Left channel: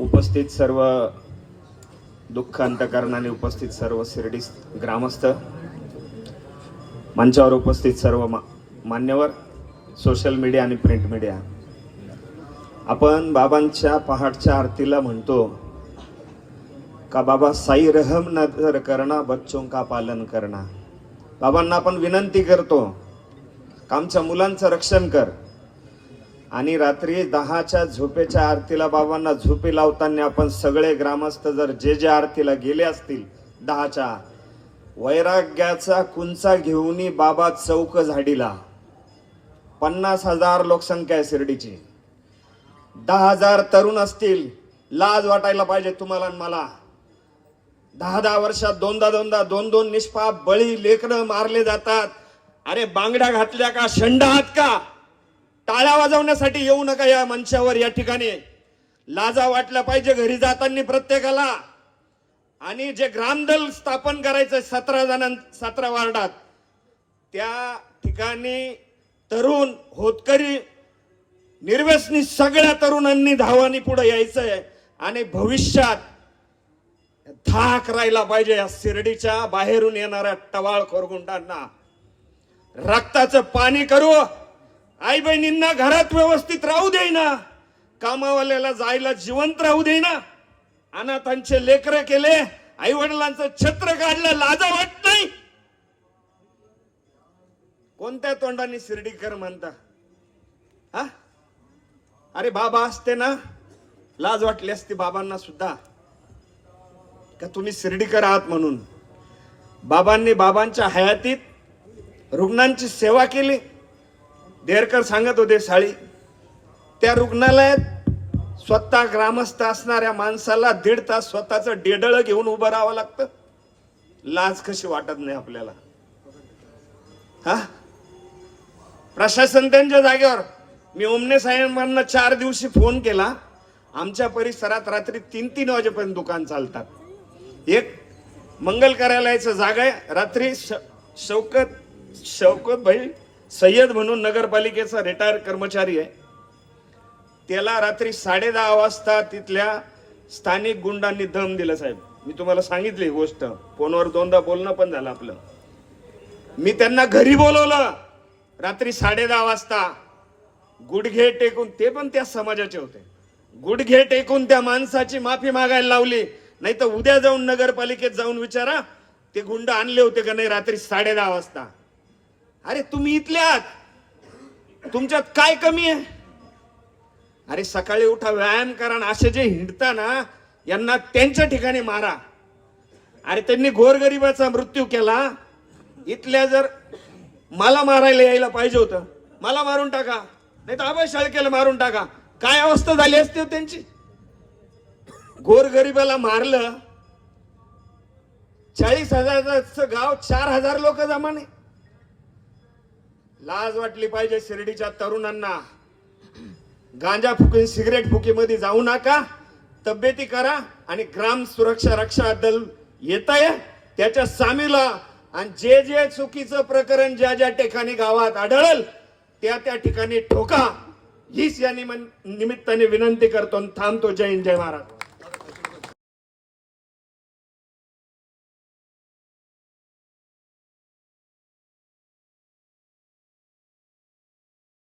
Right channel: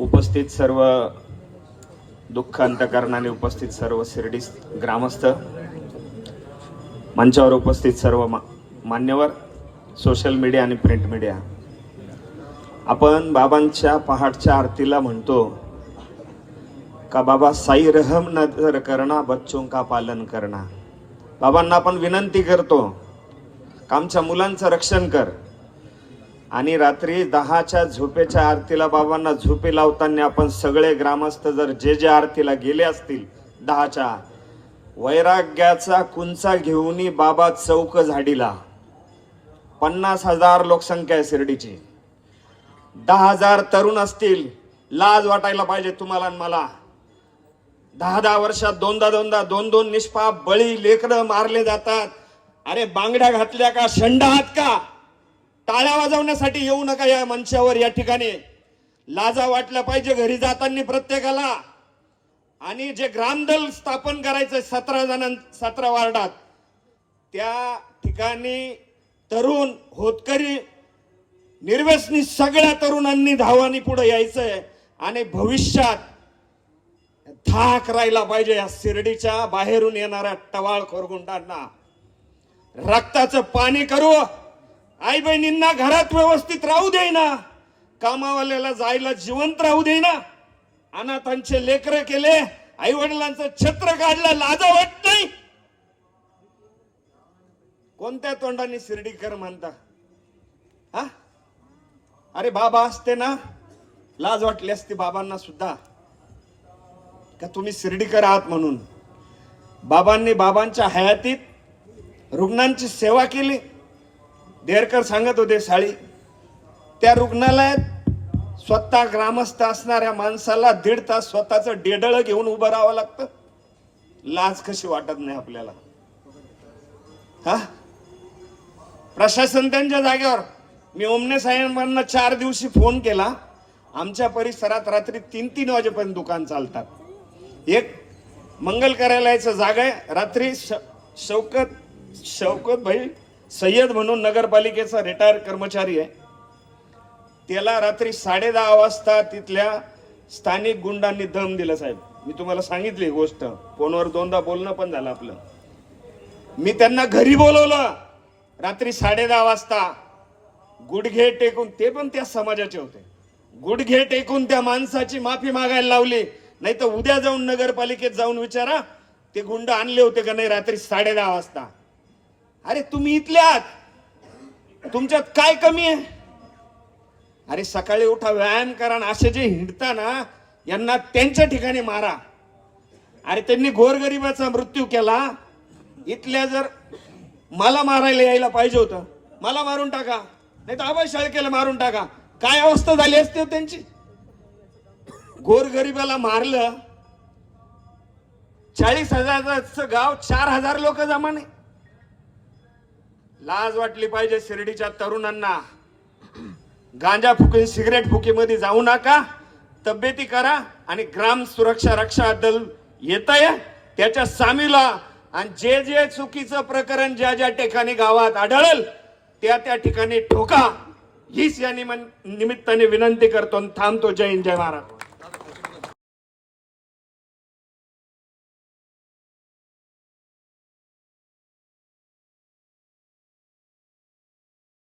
उपस्थित सर्व दुःख अंतकरणाने उपस्थित सर्व शिर्डी ग्रामस्थ मंचावर उपस्थित सर्व मा- मान्यवर सोशल मीडिया आणि प्रिंट मीडिया आपण बाबांच्या पहाटच्या आरतीला म्हणतो का बाबा साई रहम नजर करणा बच्चों का पालन करणा बाबांना आपण विनंती करतो का आमच्या मुलांचं रक्षण कर. आणि रात्री दहाच्या झोपेच्या आरतीला बाबांना झोपे लावताना आपण सगळे ग्रामस्थ जर जे जे आरतीला गेले असतील दहाच्या वैराग्याचा कुंचा घेऊन बाबा चौक झाडीला. पन्नास हजार लोकसंख्या आहे शिर्डीची. दहा हजार तरुण असतील लाज वाटायला पाहिजे तुम्हाला आणि मला. दहा दहा वर्षात दोनदा दोनदा दोन दोन निष्पाप बळी लेकरं मारले जातात. अरे बांगड्या घातल्या का शंड आहात का? टाळ्या वाजवण्यासाठी येऊ नका या मंचावर या ठिकाणी. लाजा वाटल्या पाहिजे घरी जाताना प्रत्येकाला. आणि जे ग्रामदल स्थापन करायचं सतरा जणां सतरा वार्डात त्या ठिकाणी तरुण होतकरी निर्व्यसनी सगळ्या तरुणांनी धावानी पुढे यायचंय. आणि भविष्यात धाक राहिला पाहिजे या शिर्डीच्या बाहेरून येणाऱ्या टवाळ खोरगुंडांना रक्ताचं पाणी करू. आई बहिणींना घरात व्यवस्थित राहू दे ना कामावाल्याला जायला जिवंत राहू दे ना अनाथांचे लेकर केले आई वडिलांचं छत्र काढलं लाजा वाट नाही. कोणत्या तोंडाने शिर्डीकर म्हणता? हा? अरे बाबा असते ना. लाज वाटली असती बाबांना सुद्धा. का तुम्ही शिर्डीकर आहात म्हणून? बाबांनी बाबांच्या हयातीत रुग्णांची सेवा केली. देरकर सांगत होते साळी त्या रुग्णालयात स्वतः ग्रामस्थ असणाऱ्या माणसाला दीड तास स्वतःचं डेडळं घेऊन उभं राहावं लागतं. लाज कशी वाटत नाही आपल्याला. हा? प्रशासन त्यांच्या जागेवर. मी ओमने साहेबांना चार दिवशी फोन केला. आमच्या परिसरात रात्री तीन तीन वाजेपर्यंत दुकान चालतात. एक मंगल कार्यालयाचं जागा आहे. रात्री श- शौकत शौकत भाई सय्यद म्हणून नगरपालिकेचा रिटायर कर्मचारी आहे. त्याला रात्री साडे दहा वाजता तिथल्या स्थानिक गुंडांनी दम दिलं साहेब. मी तुम्हाला सांगितली ही गोष्ट. फोनवर दोनदा बोलणं पण झालं आपलं. मी त्यांना घरी बोलवलं. रात्री साडे दहा वाजता. गुडघे टेकून ते पण त्या समाजाचे होते. गुडघे टेकून त्या माणसाची माफी मागायला लावली. नाही तर उद्या जाऊन नगरपालिकेत जाऊन विचारा ते गुंड आणले होते का नाही रात्री साडे दहा वाजता. अरे तुम्ही इथले आहात तुमच्यात काय कमी आहे? अरे सकाळी उठा व्यायाम करा आणि असे जे हिंडता ना यांना त्यांच्या ठिकाणी मारा. अरे त्यांनी गोरगरिबाचा मृत्यू केला. इथल्या जर मला मारायला यायला पाहिजे होतं मला मारून टाका. नाही तर आबा शाळकेला मारून टाका. काय अवस्था झाली असते हो त्यांची? गोरगरिबाला मारलं. चाळीस हजाराचं गाव चार हजार लोक जमाने लाज वाटली पाहिजे शिर्डीच्या तरुणांना. गांजा फुकी सिगरेट फुकीमध्ये जाऊ नका. तब्येती करा आणि ग्राम सुरक्षा रक्षा दल येत आहे. त्याच्या सामीला आणि जे जे चुकीचं प्रकरण ज्या ज्या ठिकाणी गावात आढळेल त्या त्या ठिकाणी ठोका. हीच या निमित्ताने विनंती करतो आणि थांबतो. जय हिंद जय महाराज